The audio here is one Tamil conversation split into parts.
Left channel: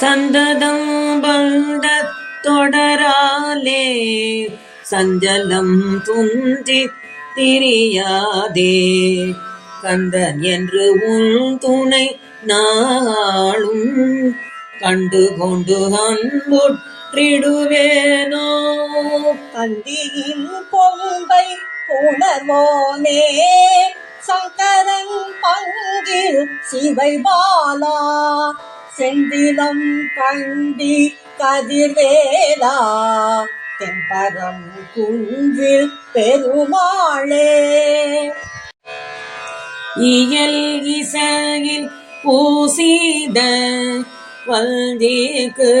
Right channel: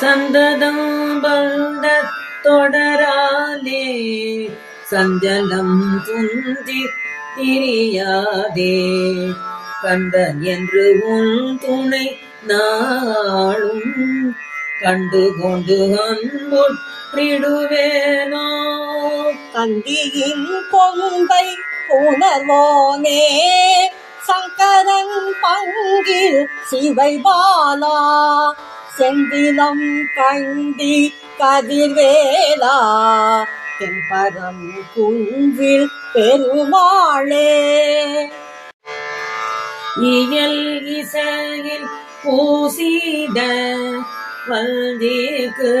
சந்ததம் வந்த தொடராலே சஞ்சலம் துஞ்சி திரியாதே கந்தன் என்று உன் துணை நாளும் கண்டு கொண்டு அன்புற்றிடுவேனோ. கந்தியின் கொம்பை உணர்வோனே சங்கரன் பங்கில் சிவை பாலா செந்திலம் கண்டி கதிர்வேலா தென்பரம் குன்றில் பெருமாளே. இயல் இசையில் பூசித வல்தேக்கு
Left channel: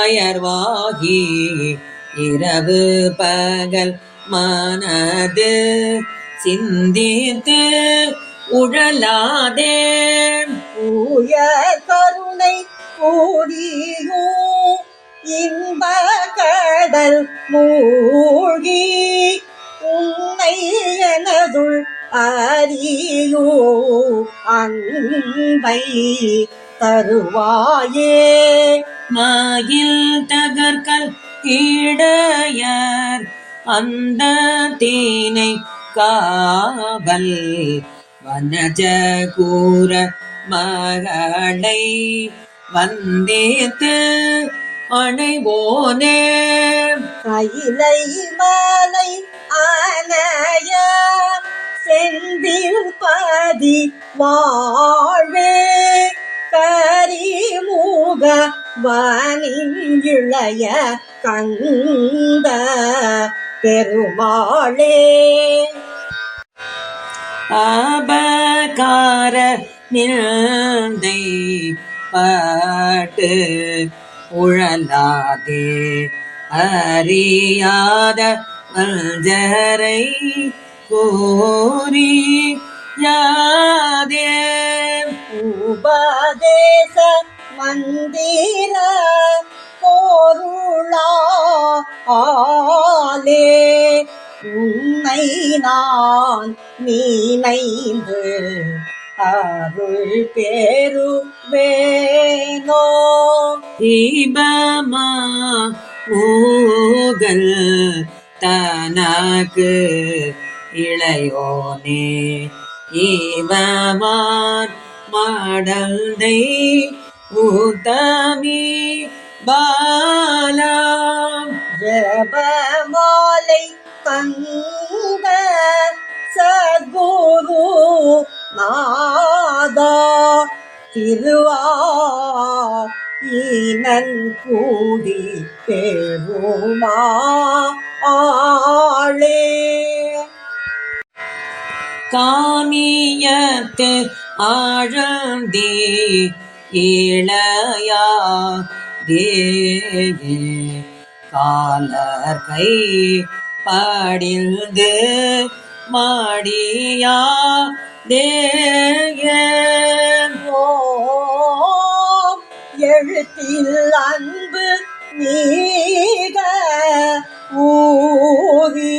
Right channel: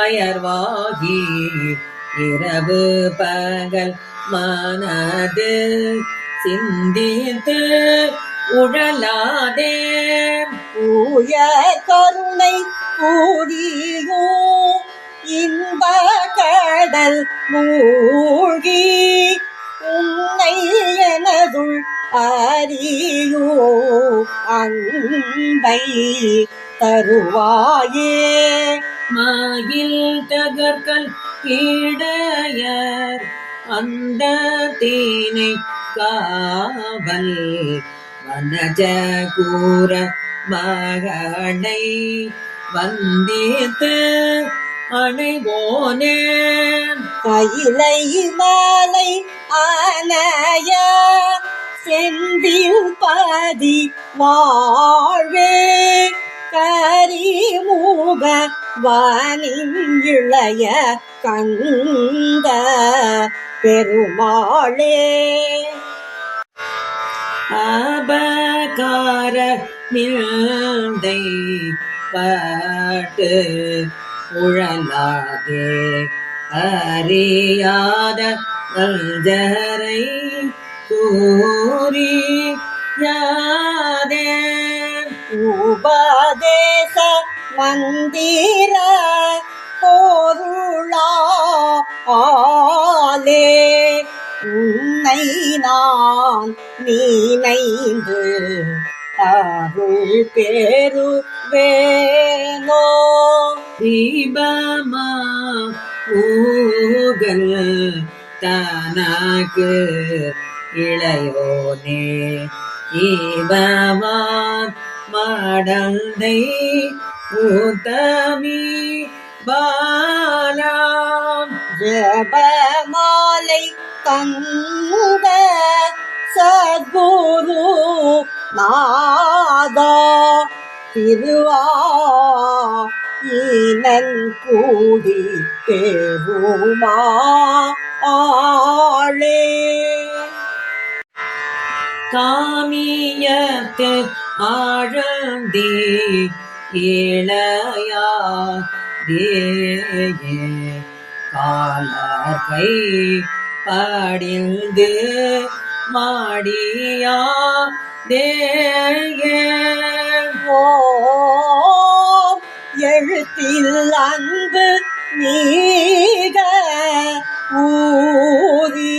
அயர்வாகி இரவு பகல் மனது சிந்தித்து உழலாதே உயர் கருணை கூடியோ இன்ப கடல் மூழ்கி உன்னை எனதுள் அறியோ அன்பை தருவாயே. மயில் தகர்கல் இடையர் அந்த தேனை காவல் வனஜகூர மகளை வந்தேத்து அணைவோனே. கையிலை மாலை ஆனைய செந்தில் பதி வாழ்வே கரிமுக வானின் இளைய கந்த பெருமாளே. அபகார நிந்தை பட்டு உழலாதே அறியாத வல்ஜரை கூறி யாதே. உபதேச மந்திர பொருளா ஆலே உன்னை நான் நினைந்து அருள் பெறுவேனோ. தீபமா ஊகல் தனக்கு இளையோனே ஈவமான் மடந்தை ஊத்தமி பாலாம் ஜபமாலை தந்த சத்குரு நாதா திருவா ஈனன் கூடி பெருமா ஆளே. காமியத்து ஆழந்தே இளையா தேயே காலர்கை படிந்து மாடியா தேயே. எழுத்தில் அன்பு நீக ஊரி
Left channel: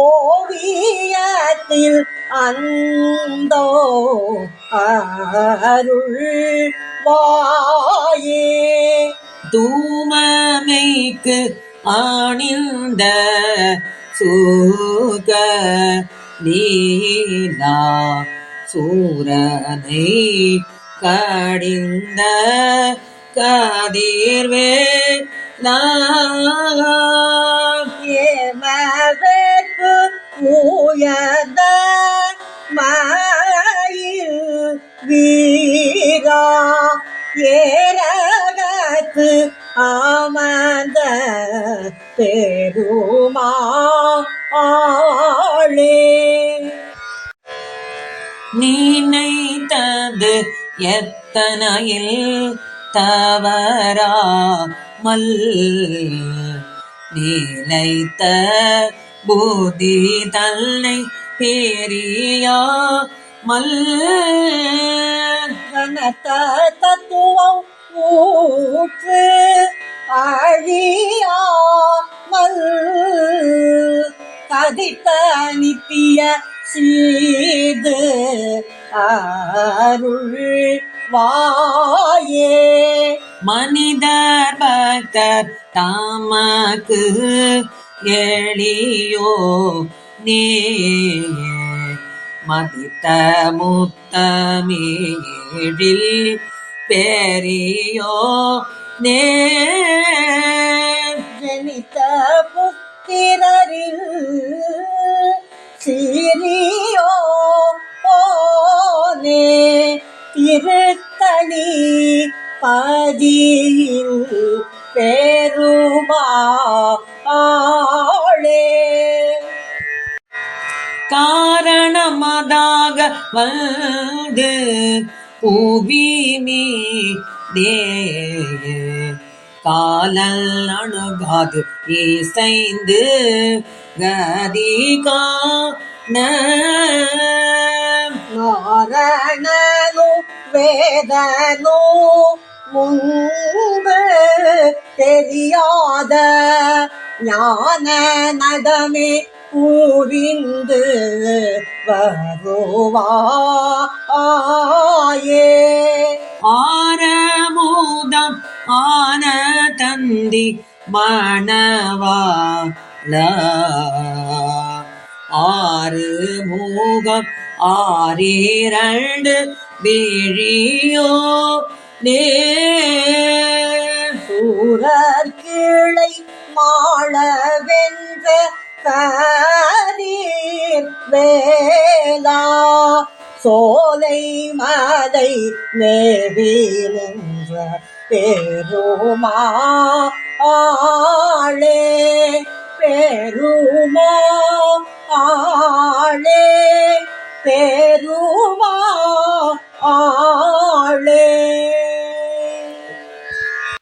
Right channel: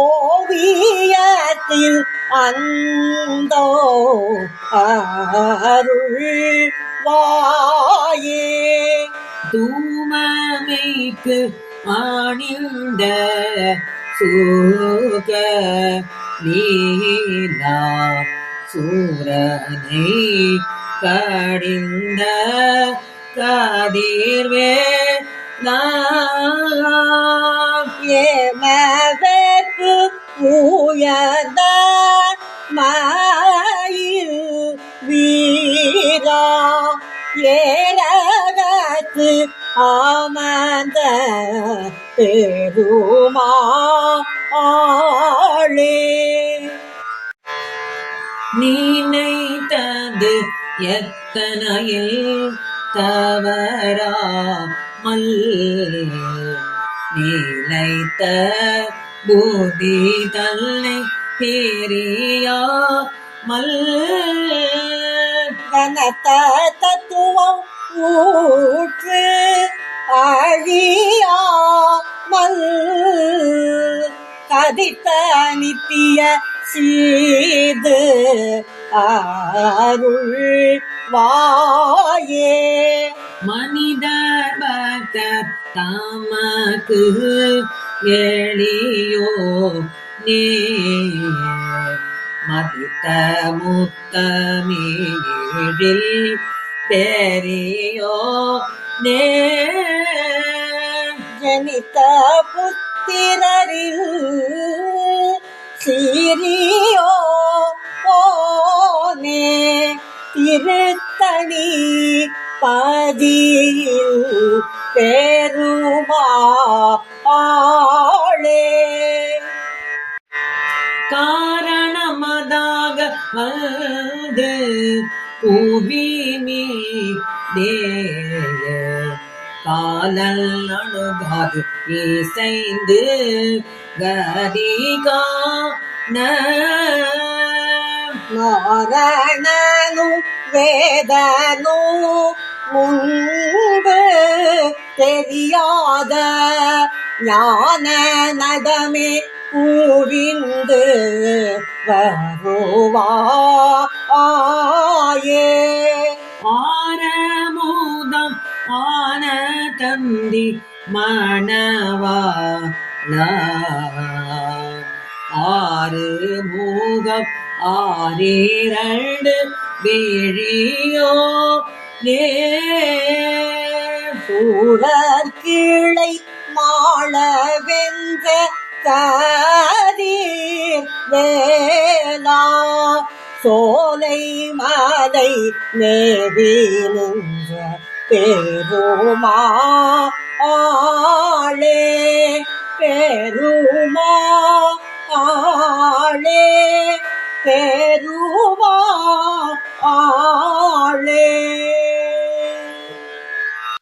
ஓவியத்தில் அந்தோ அருள் வாயே. தூமமைக்கு ஆணிந்த சூக லீலா சூரனை கடிந்த கதிர்வே ஏமவேற்பு உயர்ந்த மயில் வீரா ஏரகத்து அமர்ந்த பெருமாளே. நினைத்தது எத்தனையில் தவறாமல் நிலைத்த பூதி தன்னை பெரியாமல் கனத்த தத்துவம் ஊற்று அழியாமல் கதித்த நித்திய சீது அருள் வாயே. மனிதர் பக்தர் தமக்கு எளியோ நீ மதித்த முத்தமிழில் பெரியோ நே ஜனித்த புத்திரரில் சீரியோ ஓனே திருத்தணி பதியில் பெருமாளே காரணமதாக வந்து புவிமீ தேய காலல் அணுகாது இசைந்து கதிகான நாரணனு வேதனு முன்பு தெரியாத ஞான நடமே பூவிந்து வருவாயே ஆரமோதம் ஆன தந்தி மணவாள ஆறு மூகம் ஆறிரண்டு விழியோ நே சூரர் கீழை மாள வென்ற கதீர் வேளா சோலை மலை நேவி நின்ற பெருமாளே பெருமாளே பெருமாளே